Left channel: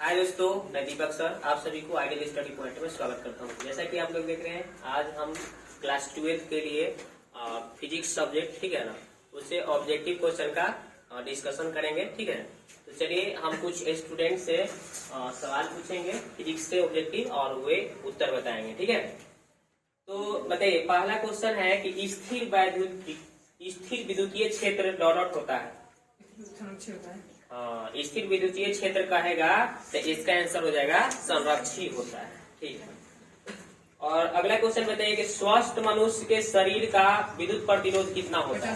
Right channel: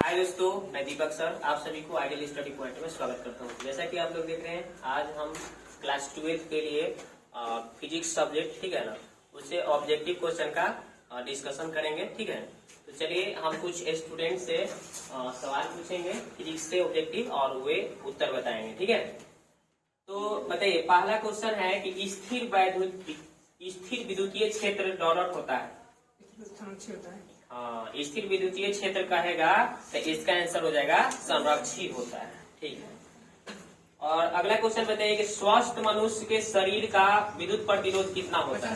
हाय दोस्तों, मैं दीपक सर आप सभी को आइडियल स्टडी पॉइंट में स्वागत करता हूँ। जैसा कि आप लोग देख रहे हैं, आज हम क्लास 12th के लिए फिजिक्स सब्जेक्ट, ठीक है ना, उससे ऑब्जेक्टिव क्वेश्चन का डिस्कशन करेंगे। ठीक है, तो चलिए हम कुछ स्टूडेंट से सवाल पूछेंगे फिजिक्स से ऑब्जेक्टिव, और वे उत्तर बताएंगे। ठीक है, तो बताइए, पहला क्वेश्चन है कि स्थिर विद्युतीय क्षेत्र डॉट होता है। स्थिर विद्युतीय क्षेत्र कहेगा तो इसका आंसर हो जाएगा संरक्षी होता है। ठीक है, और अगला क्वेश्चन बताइए कि स्वस्थ मनुष्य के शरीर का विद्युत प्रतिरोध कितना होता है।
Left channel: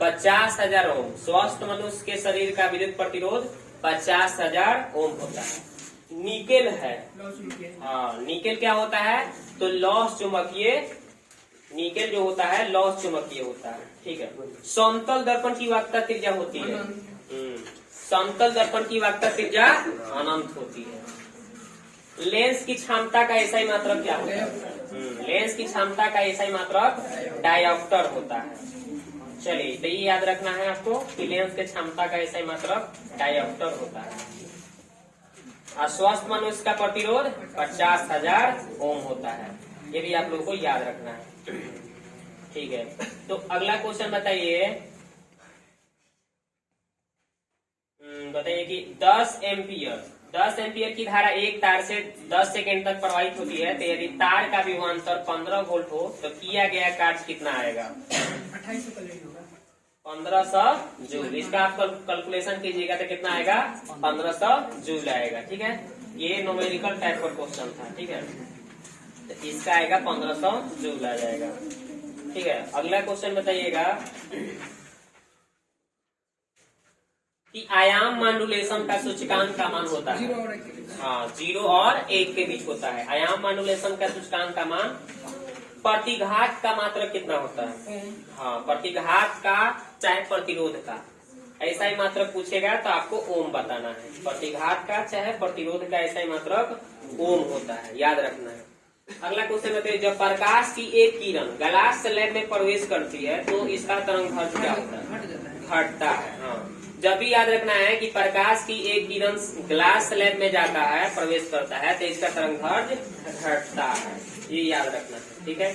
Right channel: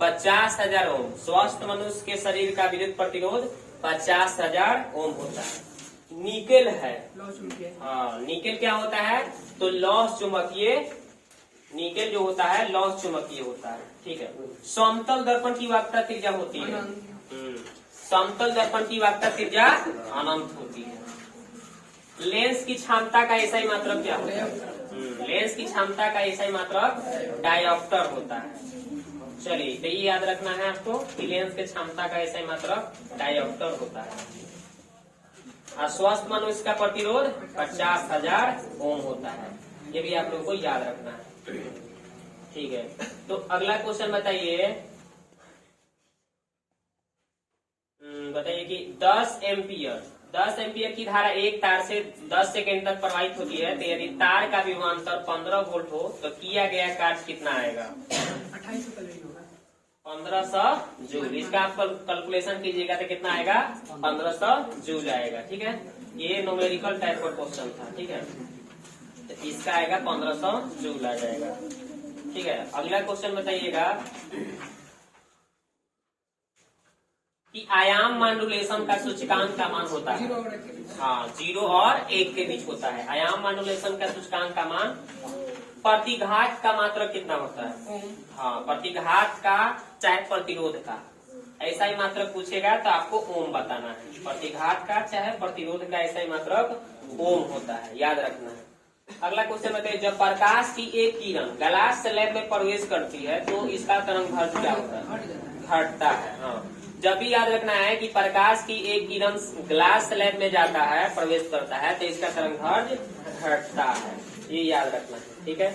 50,000 ओम। स्वस्थ मनुष्य के शरीर का विद्युत प्रतिरोध 50,000 ओम होता है। निकेल है, निकेल क्या होता है, तो लौह चुंबकीय, निकेल जो होता है लौह चुंबकीय होता है। ठीक है, समतल दर्पण की वक्रता त्रिज्या होती है, समतल दर्पण की वक्रता त्रिज्या अनंत होती है। लेंस की क्षमता का एसआई मात्रक क्या होता है, लेंस की क्षमता का एसआई मात्रक डायोप्टर होता है। चलिए, तो ये याद रखना है आपको कि लेंस के क्षमता का एसआई मात्रक डायोप्टर होता है। स्वस्थ मनुष्य का प्रतिरोध 50,000 ओम होता है, ये भी आप लोगों को याद रखना है। ठीक है, तो अगला क्वेश्चन बताइए, बताइए कि 10 एम्पियर की धारा एक तार से 10 सेकेंड तक प्रवाहित होती है, तो यदि तार का विभवांतर 15 वोल्ट हो तो किया गया कार्य कितना आएगा। 1500 जूल। इसका आप कैलकुलेशन कीजिएगा तो कितना आएगा, 1500 जूल आएगा। ठीक है, ये न्यूमेरिकल टाइप का क्वेश्चन था। ठीक है, तो इसका आएगा 1500 जूल आ जाएगा। ठीक है, अगला क्वेश्चन बताइएगा कि आयाम मॉड्यूलेशन का सूचकांक का मान होता है। हाँ, 0 और 1 के बीच होता है। आयाम मॉड्यूलेशन का सूचकांक का मान। प्रतिघात का मात्रक कितना होता है। हाँ, प्रतिघात का चाहे प्रतिरोध का, ऐसा ही मात्रक पूछेगा तो आपको ओम बताना है। प्रतिघात का चाहे प्रतिरोध का ऐसा ही मात्रक ओम होता है, याद रखना है। अगला क्वेश्चन बताइए, जब प्रकाश की एक किरण ग्लास स्लैब में प्रवेश करती है तो इसका तरंग क्या होता है, घटता है। हाँ, जब भी याद रखना है कि प्रकाश की एक किरण ग्लास स्लैब में जाता है, प्रवेश करता है, तो इसका तरंग घटता है, ये याद रखना है। ठीक है,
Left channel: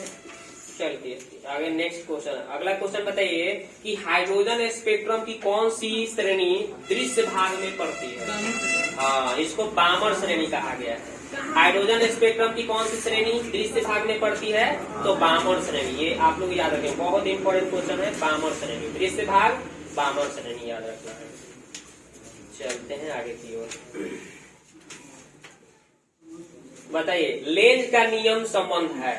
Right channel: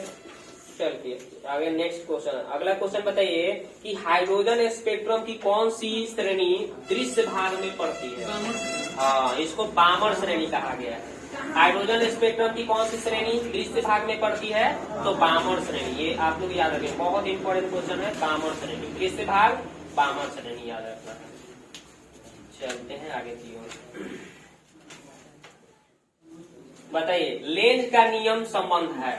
चलिए आगे नेक्स्ट क्वेश्चन। अगला क्वेश्चन बताइए कि हाइड्रोजन स्पेक्ट्रम की कौन सी श्रेणी दृश्य भाग में पड़ती है। हाँ, इसको बामर श्रेणी कहा गया है। हाइड्रोजन स्पेक्ट्रम की कौन सी श्रेणी दृश्य भाग में पड़ती है, तो बामर श्रेणी। ये आप लोग याद रखें, बहुत इंपॉर्टेंट क्वेश्चन है। बामर श्रेणी, दृश्य भाग बामर श्रेणी याद रखना है। चलते हैं आगे की ओर। बताइए, लेंज का नियम संबंध है।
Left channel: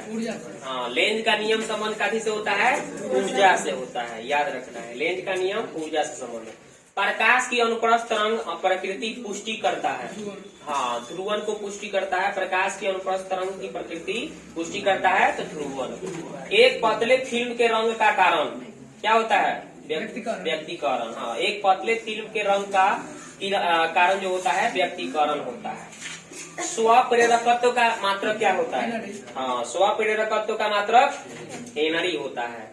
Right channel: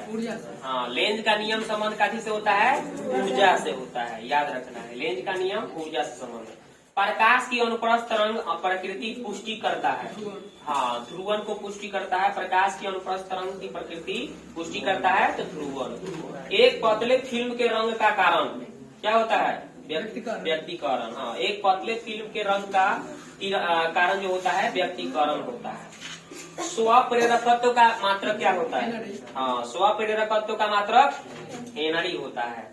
हाँ, लेंज का नियम संबंध काफी से होता है, ऊर्जा से होता है, याद रखना है। लेंज का नियम ऊर्जा से संबंध है। प्रकाश की अनुप्रस्थ तरंग प्रकृति पुष्टि करता है। हाँ, ध्रुवन को पुष्टि करता है। प्रकाश की अनुप्रस्थ तरंग की प्रकृति पुष्टि करता है तो ध्रुवन। एक पतले फिल्म के रंग का कारण क्या होता है, व्यक्तिकरण। हाँ, एक पतले फिल्म के रंग का कारण जो होता है व्यक्तिकरण होता है। स्वप्रेरकत्व का मात्रक क्या होता है। हाँ, स्वप्रेरकत्व का मात्रक हेनरी होता है।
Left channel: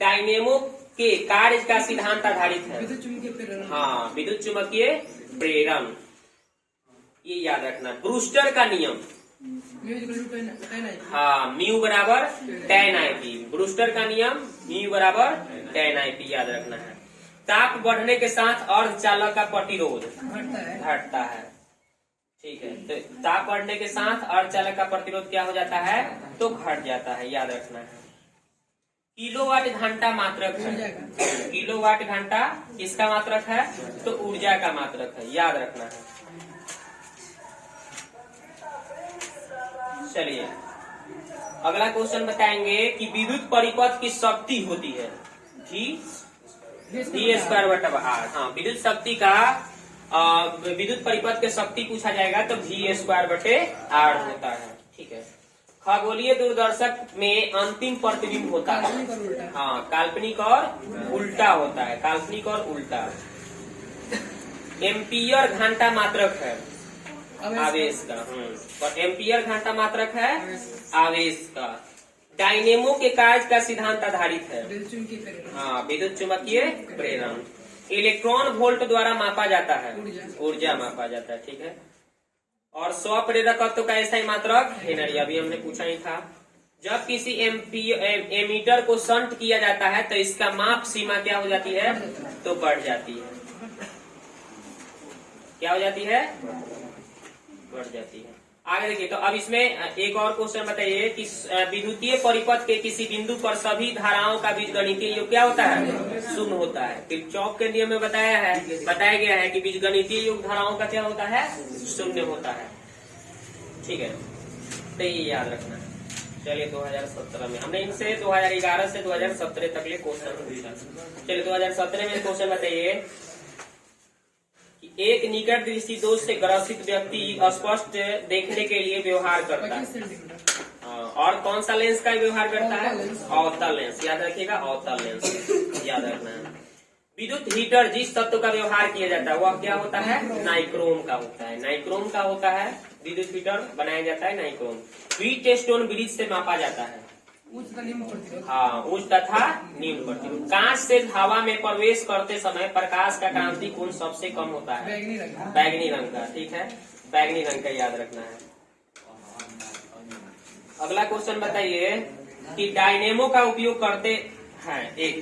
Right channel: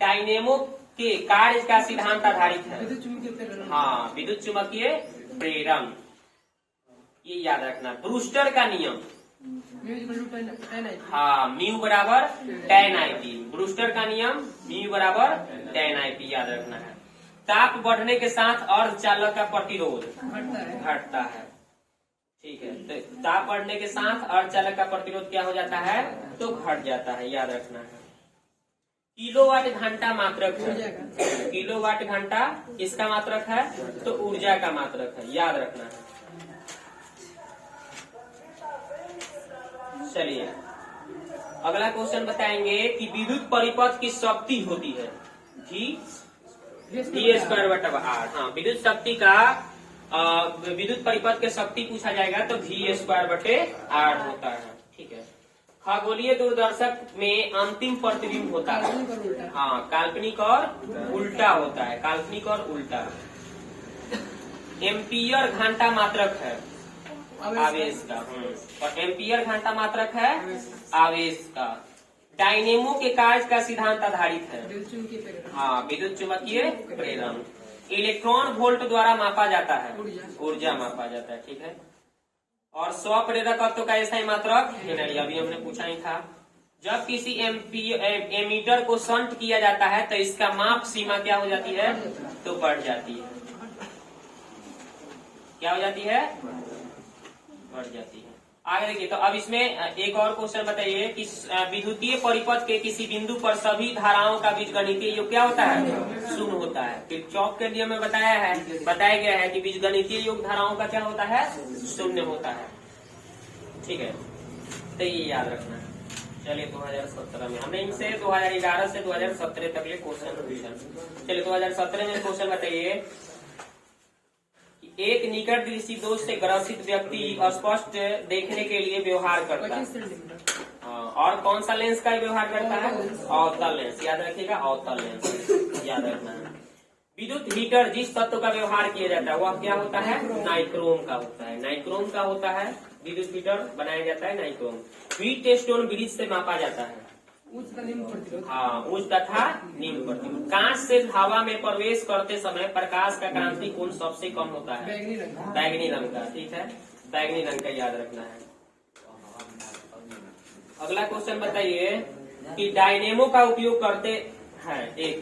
डायनेमो के कार्य का सिद्धांत आधारित है। हाँ, विद्युत चुंबकीय प्रेरण, ये याद रखना। ब्रूस्टर का नियम। हाँ, म्यू बराबर tan IP। ब्रूस्टर का नियम म्यू बराबर tan IP, याद रखना है। ताप बढ़ने के साथ अर्धचालक का प्रतिरोध घटता है। ठीक है, तो ताप बढ़ने के साथ अर्धचालक का प्रतिरोध क्या हो जाता है, तो घट जाता है, याद रखना है। किलोवाट घंटा मात्रक है। किलोवाट घंटा किसका मात्रक है, तो ऊर्जा का मात्रक है, याद रखना है। चलिए अगला क्वेश्चन बताएंगे कि विद्युत परिपथ की शक्ति होती है V स्क्वायर बटा R। हाँ, विद्युत शक्ति का विद्युत परिपथ की शक्ति पूछा जाएगा तो V स्क्वायर बटे R होता है। ठीक है, खगोलीय दूरदर्शक में अंतिम प्रतिबिंब होता है। हाँ, काल्पनिक और उल्टा होता है, काल्पनिक और उल्टा। एम्पियर घंटा मात्रक है आवेश का। और एम्पियर घंटा मात्रक है आवेश का। डायनेमो के कार्य का सिद्धांत आधारित है। हाँ, विद्युत चुंबकीय प्रेरण। इलेक्ट्रॉन वोल्ट द्वारा मापा जाता है, ऊर्जा मापा जाता है, ठीक है। और स्वप्रेरकत्व का ऐसा ही मात्रक हेनरी, अभी हमने पूछा ही था। जब किसी एमीटर को शंट किया जाता है तो इसका माप सीमा क्या हो जाती है, तो बढ़ जाती है। क्या हो जाती है, बढ़ जाती है। आगे देखिए, तो अब इसमें एक और क्वेश्चन बताइए कि विद्युतीय परिपथ के किसी बिंदु पर सभी धाराओं का बीजगणितीय योग क्या होता है, शून्य होता है। किरचॉफ के नियम में बताया गया है कि बीजगणितीय योग धाराओं का क्या होता है, शून्य होता है, ठीक है। तो ये याद रखना है। चलिए 2017 में हमने इनसे 2011 से 2017 तक ये क्वेश्चन पूछा। चलिए 2017 में क्वेश्चन बताइए कि एक निकट दृष्टि दोष से ग्रसित व्यक्ति स्पष्ट देखने के लिए व्यवहार करता है, और कौन सा लेंस का व्यवहार करता है, अवतल लेंस। याद रखिएगा, अवतल लेंस याद रखना है। विद्युत हीटर जिस तत्व का व्यवहार किया जाता है वह क्या होता है, नाइक्रोम का होता है। नाइक्रोम का होता है विद्युत हीटर बनाया जाता है नाइक्रोम। व्हीटस्टोन ब्रिज से मापा जाता है, हाँ, उच्च तथा निम्न प्रतिरोध। कांच से हवा में प्रवेश करते समय प्रकाश का क्रांति कोण सबसे कम होता है, बैगनी रंग का, ठीक है, बैगनी रंग का याद रखना है। अगला क्वेश्चन बताइए कि डायनेमो का उपयोग करते हैं एक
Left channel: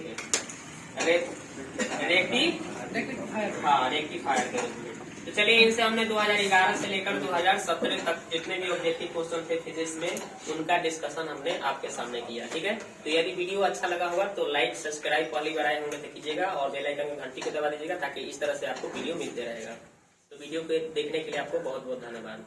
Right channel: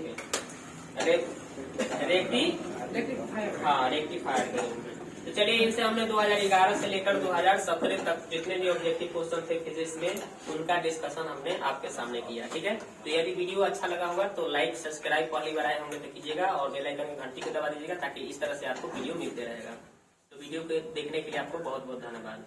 रेक्टिफायर के रूप में। तो चलिए इनसे हमने 2011 से लेकर 2017 तक जितने भी ऑब्जेक्टिव क्वेश्चन थे फिजिक्स में उनका डिस्कशन हमने आपके सामने किया, ठीक है। तो यदि वीडियो अच्छा लगा होगा तो लाइक सब्सक्राइब पहली बार आए होंगे तो कीजिएगा, और बेल आइकन में घंटी को दबा दीजिएगा ताकि इस तरह से आपको वीडियो मिलते रहेगा। तो वीडियो को देखने के लिए आपको बहुत बहुत धन्यवाद।